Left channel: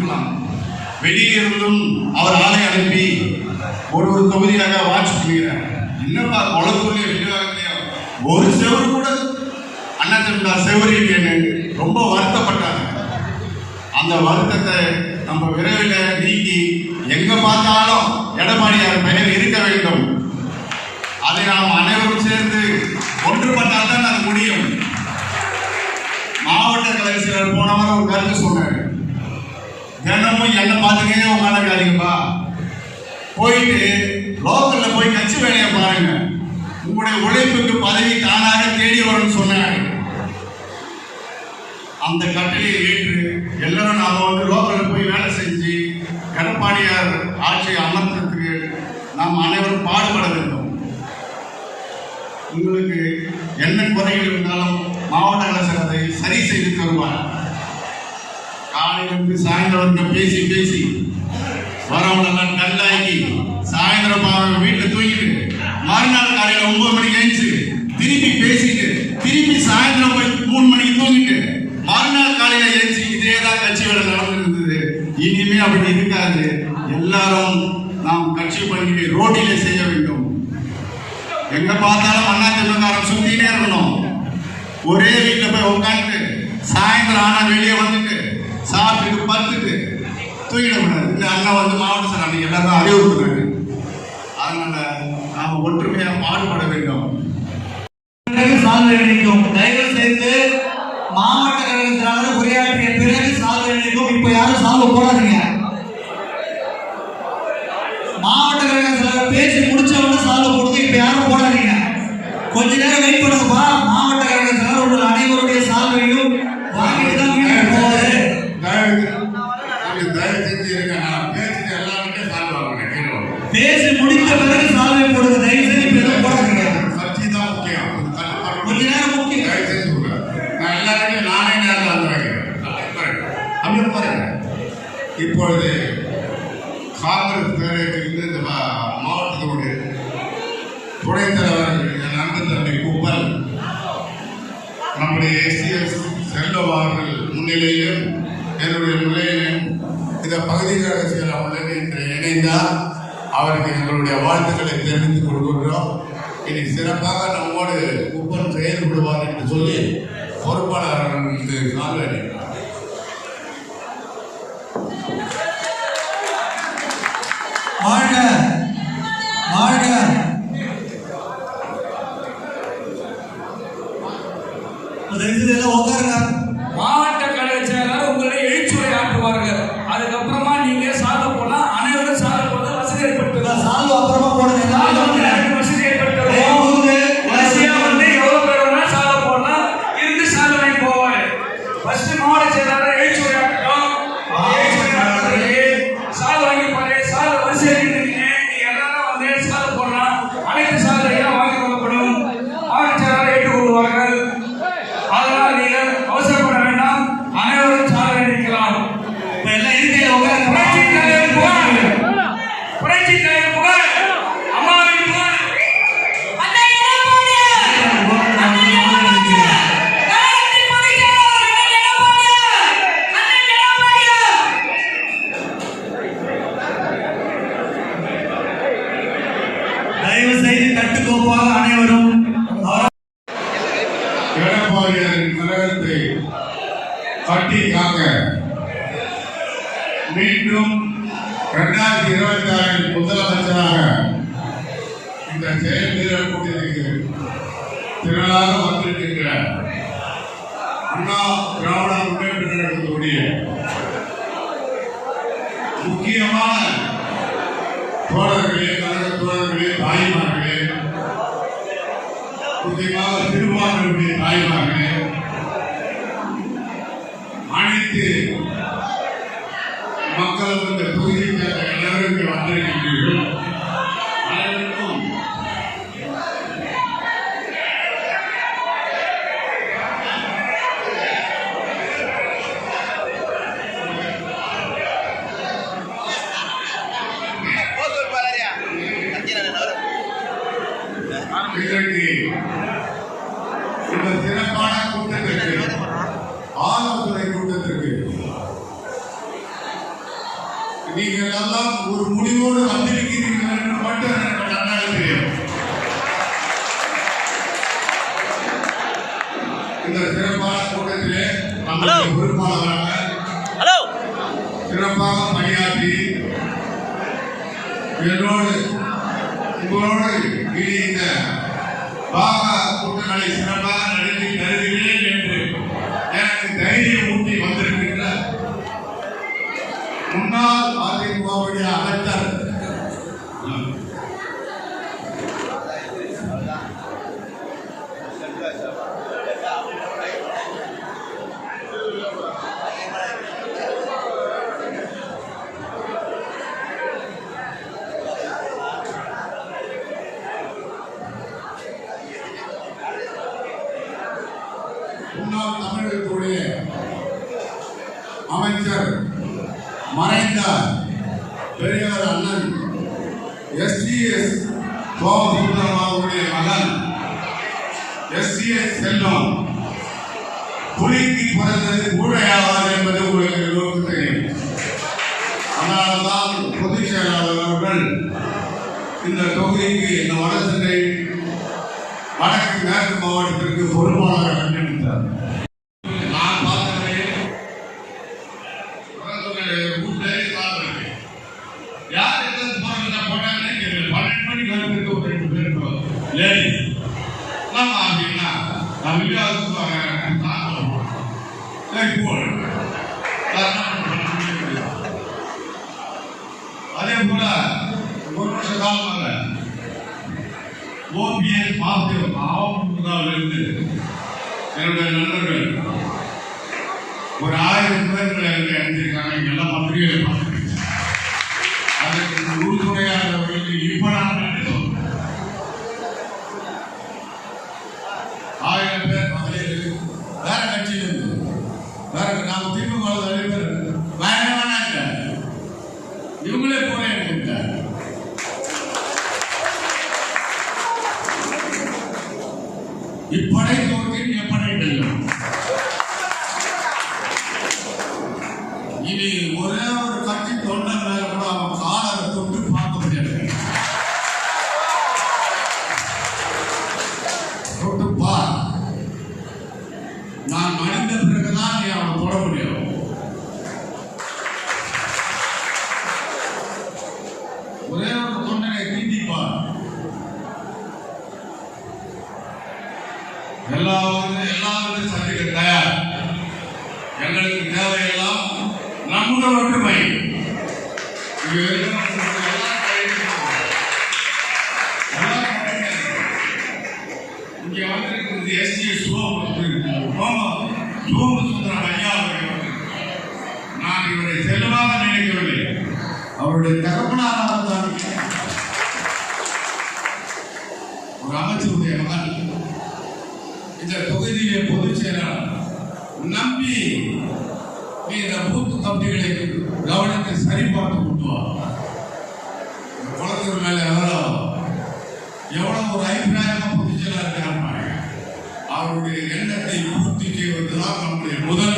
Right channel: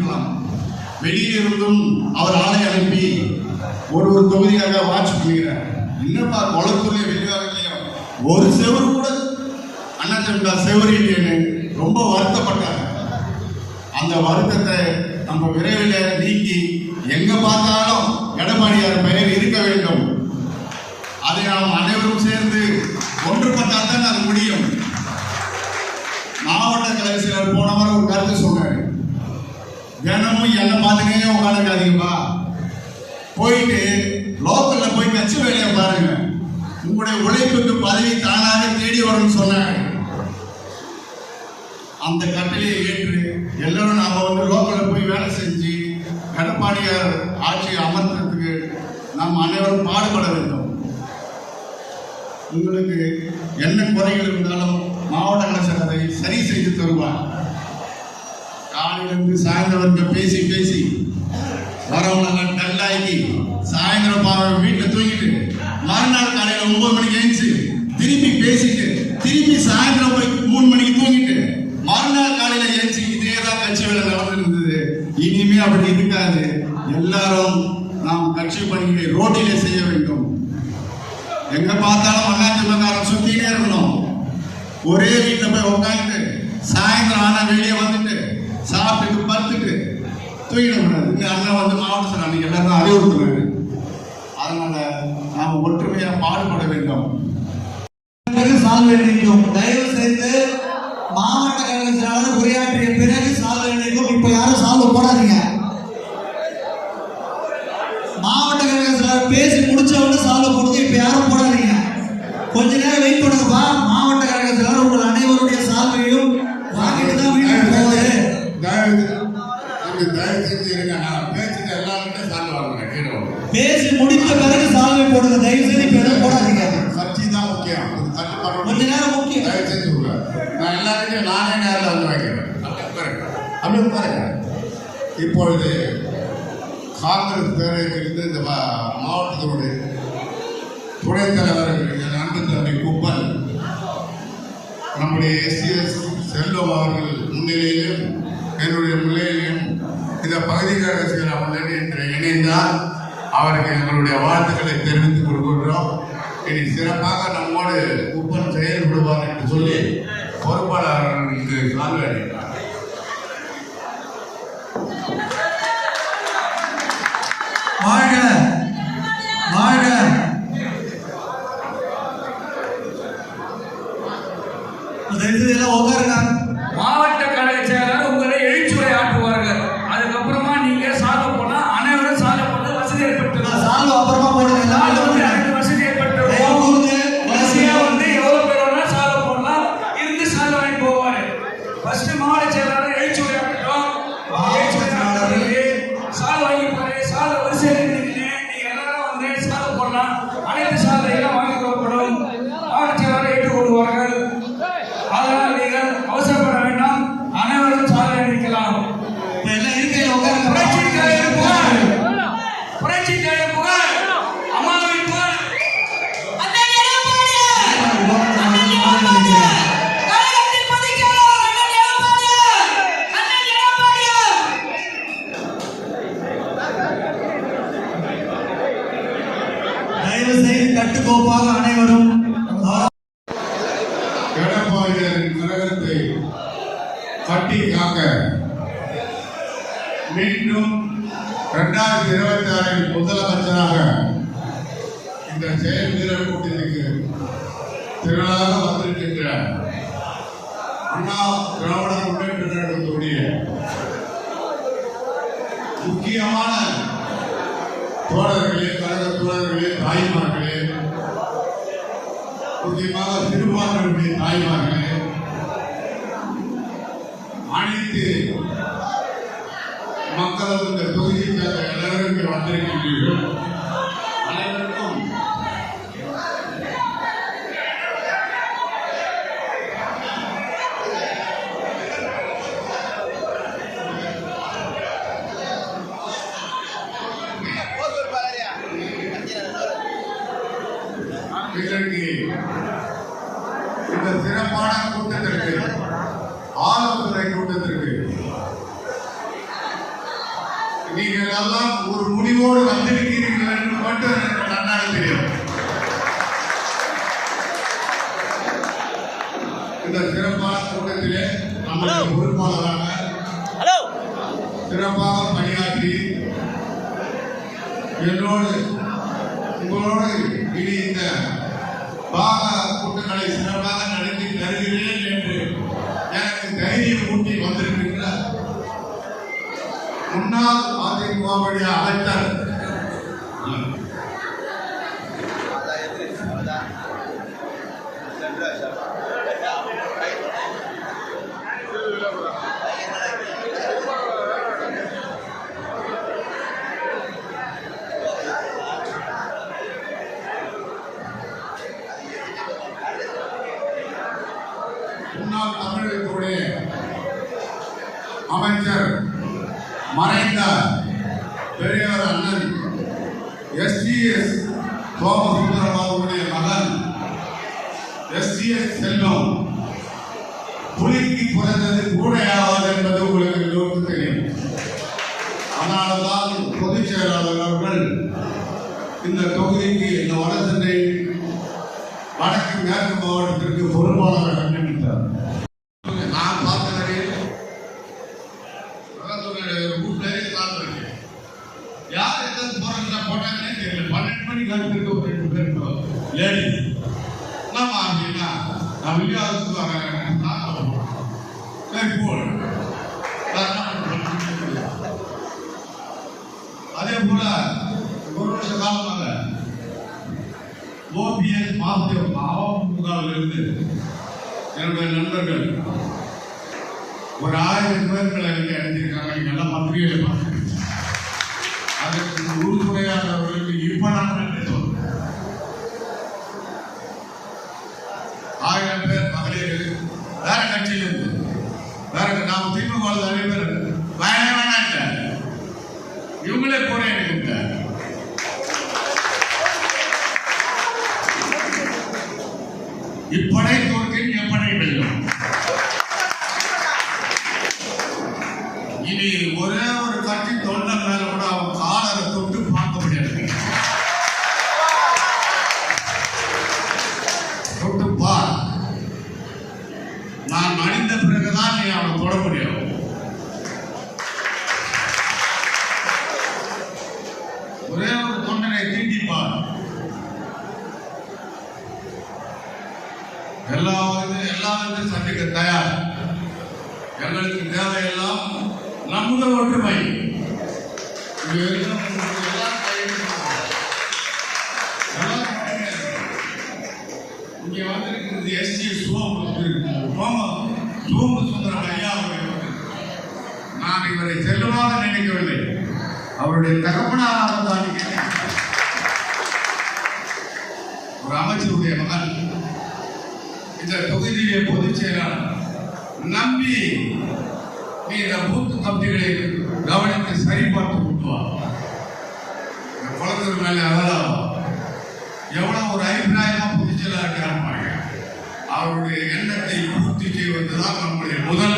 புகார் வெளியிலிருந்தும் இருந்தும் அவர் ஆளை அனுப்பி ஒரு ஒரு தொகுதியாக வாட்ச் பண்ணுகிறார் என்னப்பா குளத்தூர்லயும் வெளிவாகத்திலையும் ஒரு செவரு கூட? அண்ணா திமுக செவரு இல்லைன்னு ரொம்ப வருத்தப்பட்டாங்க. அந்த வருத்தத்தை நம்ம விரைவில் நீக்கி எங்க பார்த்தாலும் எடப்பாடியார் பெயர் இருக்க வேண்டும். அதை நாம் அனைவரும் சேர்ந்து ஒன்றுபட்டால் தான் அது முடியும். மாவட்ட கலைஞர் போன போனவர் ஒரு கருத்து சொன்னார். தினமும் என்ன பார்த்துக்கிட்டே உட்காந்துக்காதீங்கப்பா போயிட்டு லோக்கல்ல போய் கட்சி வேலையை பாருங்க. உங்களுடைய உழைப்புக்கு பதவி தானாக தேடி வரும்னு சொன்னார். அந்த கட்டளையை ஏற்று எல்லாரும் நாம வந்து லோக்கல்ல போய் வேலை செஞ்சு எடப்பாடியார் ஆட்சியை அமர்த்துறதுக்கு நாம் அனைவரும் பாடுபட வேண்டும். உங்களுக்கு என்ன குறைகள் இருந்தாலும் மாவட்ட கலெக்டர் அதை சரி செய்து தருவார். காலையிலிருந்து சாயந்தரம் வரைக்கும் பேசி பேசி. வரவங்கெல்லாம் டல்லாக்கி சாயந்தரம் பாவ வீட்டில் தூங்கிட்டு. மறுநாள் காலையில ஒன்பது மணிக்கு எழுந்துச்சு திருப்பி பேசிட்டு திருப்பி சாயந்தரம் போய் மூணு மணிக்கு தூங்கிட்டு மறுநாள் காலையில எழுந்துச்சு இதே தான் கட்சி வேலை நடந்துருந்தது இனிமே அப்படி இருக்காது. எல்லாரும் நாம் கட்சி பணியை ரோட்டிலே செய்ய வேண்டும். எங்க பார்த்தாலும் அண்ணா திமுகாரம் சுத்தினே இருக்கணும். ஒரே வீட்டுல போய் உட்காந்துட்டு சாயந்தரம் ஆனா வெளியே வந்துட்டு சாப்பிட்டு படுத்துட்டு தூங்கிடக்கூடாது இந்த அண்ணா வந்து மாவட்ட சார் அன்னைக்கு எல்லாரும் அறிவுறுத்துறாரு அதனால நாம ஒற்றுமையாக பாடுபட வேண்டும். சாதனை சால்வை தயவு நம்முடைய எஸ்சிஎஸ் செல்வம் அவர்கள் முன்னிலையிலும் என்னுடைய முன்னிலையிலும் இந்த பகுதிக்காக செய்கிற உதவி என்று இணைந்தால் அவருக்கு எங்களுடைய வாழ்த்துக்களை தெரிவித்துக் கொள்கிறோம் இனி சிறப்பாக நம்மோடு குப்பம் செயல்படுவார் என்று சொல்லி எல்லாம் உட்காருங்க மாவட்ட கழக செயலாளர் உங்களை எழுச்சுரை ஆற்றுவார்கள் அதுக்கப்புறமா நீங்க சாக போலாம் அனைவரும் சாக போல வசதி ஏற்படுத்தலாம் சால்வ் அப்புறமா போடுங்க. வசதி ஏற்படுத்தலாம் வசதியா வந்து எவ்வளவு பேர் வேணாலும் சாக போடலாம்? இருந்து சாக வாங்கி போவாரு. ஃபர்ஸ்ட் மாவட்ட செயலாளர் எழுச்சுரை ஆகட்டும் எழுச்சுரை ஆற்றுறது சாக வாங்கி பாரு சாக வரிசையா இருக்கீங்க நீங்க எல்லாரும் வந்து சாக போடலாம். அனைத்து சாலைகளும் வாங்கி கொடுக்கப்படும் மாவட்ட செயலாளர் ஏற்றுக்கொள்வார்கள் தயவு செய்து கட்டுக்கோப்பாக அனைவரும் எடப்பாடியாரின் கழகத்தை கட்டி காக்க மீண்டும் இரண்டாயிரத்தி இருபத்தி ஆறில் முதலமைச்சராக இந்த செயல் வீரர் கூட்டத்திற்கு திரளாக வந்திருக்கின்ற அண்ணா திராவிட முன்னேற்ற கழகத்துடைய முக்கியமான தோழர்களே சகோதரர்களே தாய்மார்களே முக்கியமாக திருவாரூருடைய தாய்மார்களே அனைத்து மக்களும் இந்த தொகுதியில் சேர்ந்த வந்திருக்கின்றீர்கள் இன்றைக்கு இந்த சிறப்பான கூட்டத்திற்கு ஆலோசனை கூட்டத்திற்கு நீங்கள் எல்லாம் ஒரு முடிவோடு வந்திருக்கிறீர்கள் என்று மட்டும் எனக்கு நன்றாக தெரியும். இந்த சிறப்பான கூட்டத்திலே பொறுப்பாளராக சிறப்பாக பணியாற்றி என்னோடு உங்களோடு இனி இந்த பாக கூட்டங்களை சிறப்பாக நடத்தி தருகிறேன் என்று எனக்கு தைரியம் ஊட்டி வந்திருக்கின்ற முன்னாள் அதிமுகவுடைய அமைச்சர் சோமசுந்தரம் அவர்களுடைய மகன் ஏ செல்வம். புலிக்கு பிறந்தது கூடையாவாது என்பது உங்களுக்கு எல்லோருக்கும் தெரியும். அதனால்தான் பொதுச் செயலாளர் அவர்கள் இந்த தொகுதிக்கு இந்த வடசென்னை வடக்கு மேற்கு மாவட்டத்திற்கு பொறுப்பாளராக நியமித்தார் ஓபிஎஸ் மாத்தியம் என்னுடைய நண்பர்கள் ஒரு ஆயிரம் பேர்களை எனக்கு அனுப்பியிருக்காங்க. இங்க எல்லாம் பத்திரிகைகளை பார்த்துருக்கேன் அதற்கு உறுதுணையாளர்களுக்கு இப்ப நான் சொல்றேன் ஆயிரம் பேர் மகளிர் வேற கட்சியிலிருந்து வேற நாம திமுக நிறைய பேர் வேணே வேணாம் இவங்களே போறேன் எனக்கு இப்படை எல்லாரும் சந்திக்க தயார் எங்களுக்கு தேவையெல்லாம் நம்முடைய ஒற்றுமை. இங்கே வந்திருக்கிறது எஸ்டி சோம சோம சோமசுந்தரம் ஐயா நான் இவரை செல்வாக நினைக்கவில்லை. அவருடைய தகப்பனாக தான் ஒரு அமைச்சருடைய மகன். இந்த தொகுதியிலே பொதுச் செயலாளர் நம்பி இந்த பூத்து கம்பிகளை கவனித்து சரிபார்த்து கொண்டு வா. குளத்தூர் மேல எவ்வளோ எவ்வளவு ஒரு அபிப்பிராயமா பொதுச் செயலாளர் அவருடைய எண்ணத்தை பூர்த்தி செய்வதுதான் நம்முடைய முதல்